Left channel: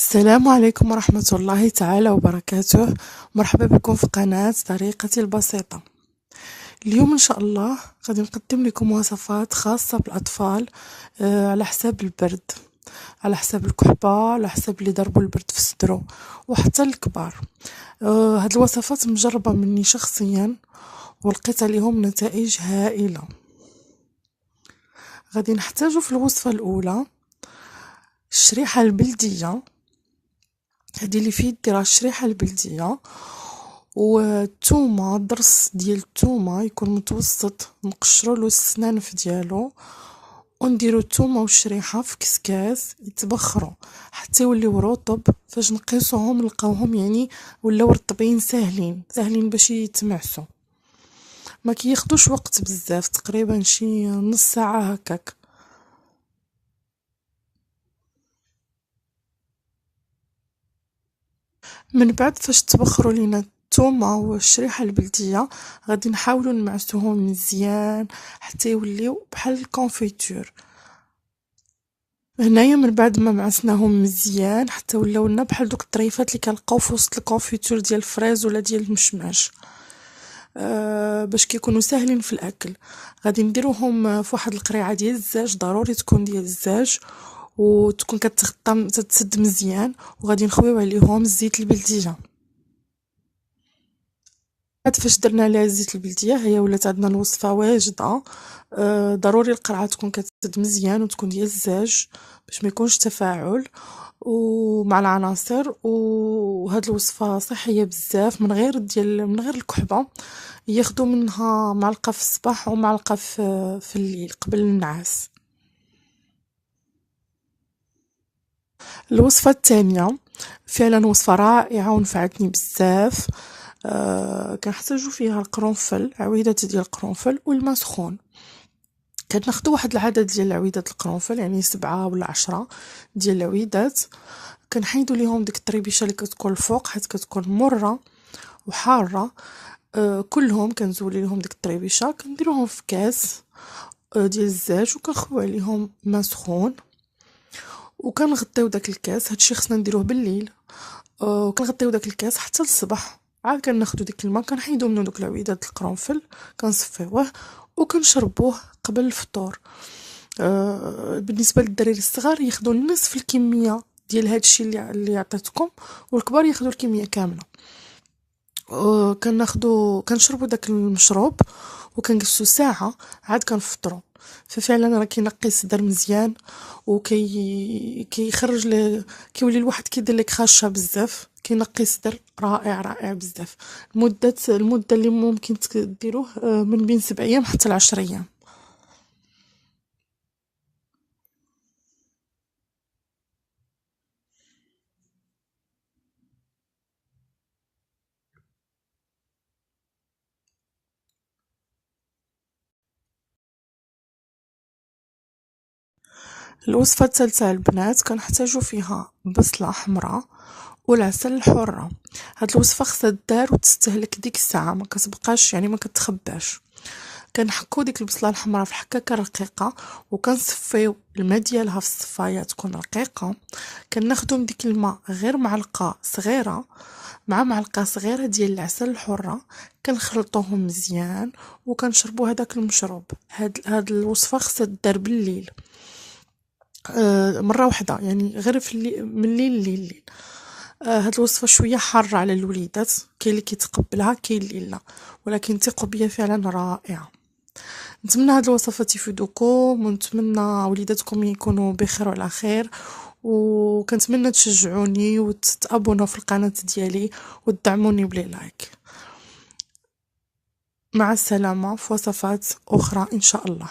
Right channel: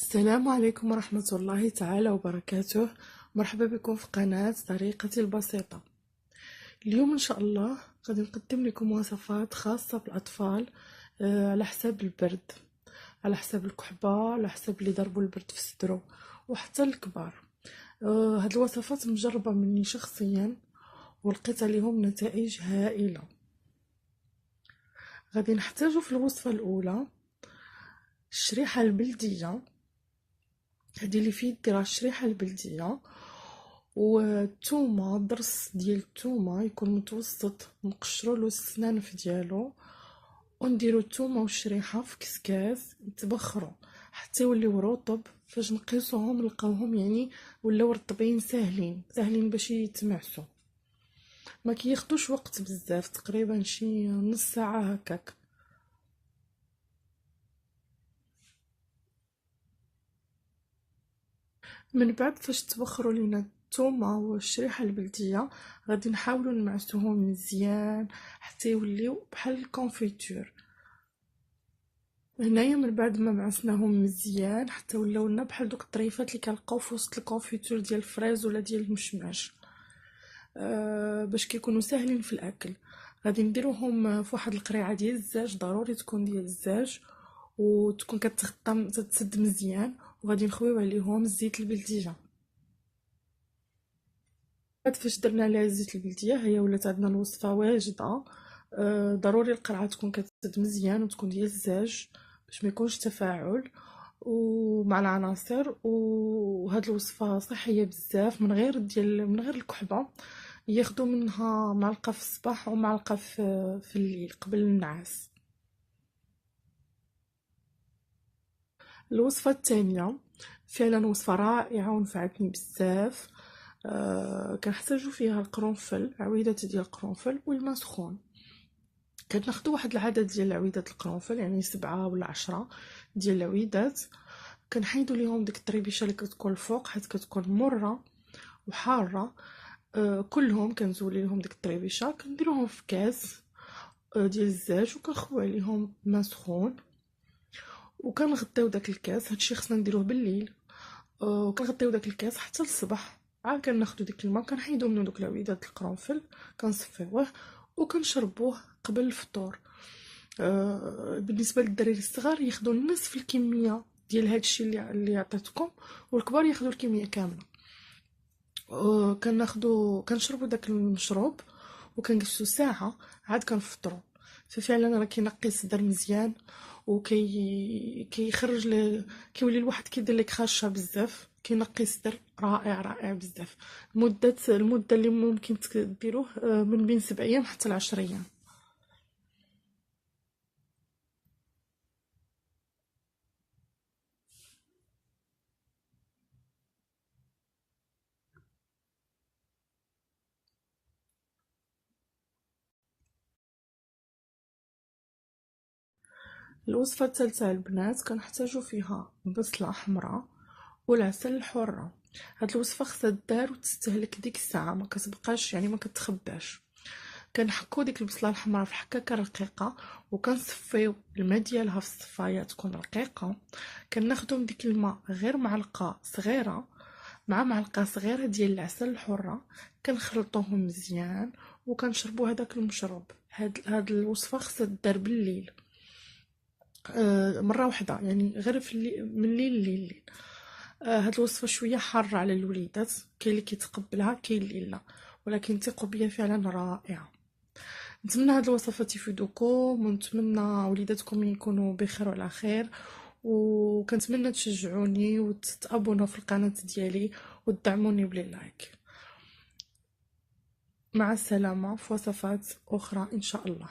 السلام عليكم ورحمة الله تعالى وبركاته. مرحبا بكم في قناة طريقتي البسيطة. اليوم إن شاء الله غادي نقدم لكم وصفات خاصة بالأطفال، على حساب البرد، على حساب الكحبة، على حساب اللي ضربوا البرد في صدره، وحتى الكبار. هاد الوصفات مجربة مني شخصيا ولقيت عليهم نتائج هائلة. غادي نحتاجو في الوصفة الأولى الشريحة البلدية. هادي اللي في يدي راه الشريحة البلدية، والثومه ضرس ديال الثومه يكون متوسط، نقشروا له السنانف ديالو ونديروا الثومه والشريحه في كسكاس يتبخروا حتى يوليو رطب. فاش نقيسوهم نلقاوهم يعني ولاو رطبين ساهلين باش يتمعسوا، ما كياخدوش وقت بزاف، تقريبا شي نص ساعه هكاك. من بعد فاش تبخروا لينا الثومه والشريحه البلديه غادي نحاولوا نمعسوهم مزيان حتى يوليو بحال الكونفيتور. هنايا من بعد ما معسناهم مزيان حتى ولاو لنا بحال دوك الطريفات اللي كنلقاو في وسط الكونفيتور ديال الفريز ولا ديال المشماش، باش كيكونوا ساهلين في الاكل. غادي نديروهم في واحد القريعه ديال الزاج، ضروري تكون ديال الزاج وتكون كتغطى تتسد مزيان، وغادي نخويو عليهم الزيت البلديه. بعد فاش درنا عليها الزيت البلديه هي ولات عندنا الوصفه واجده. ضروري القرعه تكون كتسد مزيان وتكون ديال الزاج باش ما يكونش تفاعل ومع العناصر. وهاد الوصفه صحيه بزاف، من غير الكحبه. ياخدوا منها معلقه في الصباح ومعلقه في الليل قبل النعاس. الوصفه الثانيه فعلا وصفه رائعه ونفعتني بزاف. كنحتاجو فيها القرنفل، عويدات ديال القرنفل والماء سخون. كناخدو واحد العدد ديال العويدات القرنفل، يعني 7 ولا 10 ديال العويدات. كنحيدو ليهم ديك الطريبيشه اللي كتكون الفوق حيت كتكون مره وحاره. كلهم كنزولي لهم ديك الطريبيشه، كنديروهم في كاس ديال الزاج وكنخوي عليهم ماء سخون وكنغطيو داك الكاس. هادشي خصنا نديروه بالليل. وكنغطيو داك الكاس حتى الصباح. عاد كناخدو ديك الماء كنحيدو منو دوك العويدات القرنفل، كنصفيوه وكنشربوه قبل الفطور. بالنسبه للدراري الصغار ياخدوا نصف الكميه ديال هادشي اللي عطيتكم، والكبار ياخدوا الكميه كامله. كنشربوا داك المشروب وكنجلسوا ساعه عاد كنفطروا. ففعلا راه كينقي الصدر مزيان كيخرج كيولي الواحد كيدير لك خاشه بزاف، كينقي الصدر رائع بزاف. المده اللي ممكن ديروه من بين 7 ايام حتى 10 ايام. الوصفة الثالثة البنات كنحتاجو فيها بصلة حمراء والعسل الحرة. هاد الوصفة خصها دار وتستهلك ديك الساعة، ما كتبقاش يعني ما كتخباش. كنحكو ديك البصلة الحمراء في حكاكة رقيقة وكنصفيو الماء ديالها في الصفاية تكون رقيقة. كناخدو من ديك الماء غير معلقة صغيرة مع معلقة صغيرة ديال العسل الحرة، كنخلطوهم مزيان وكنشربو هداك المشروب. هاد الوصفة خصها دار بالليل، مره واحده، يعني غير في من الليل لليل. هاد الوصفه شويه حاره على الوليدات، كاين اللي كيتقبلها كاين اللي لا، ولكن ثقوا بيا فعلا رائعه. نتمنى هاد الوصفات يفيدوكم ونتمنى وليداتكم يكونوا بخير وعلى خير، وكنتمنى تشجعوني وتتابونوا في القناه ديالي وتدعموني بلي لايك. مع السلامه في وصفات اخرى ان شاء الله.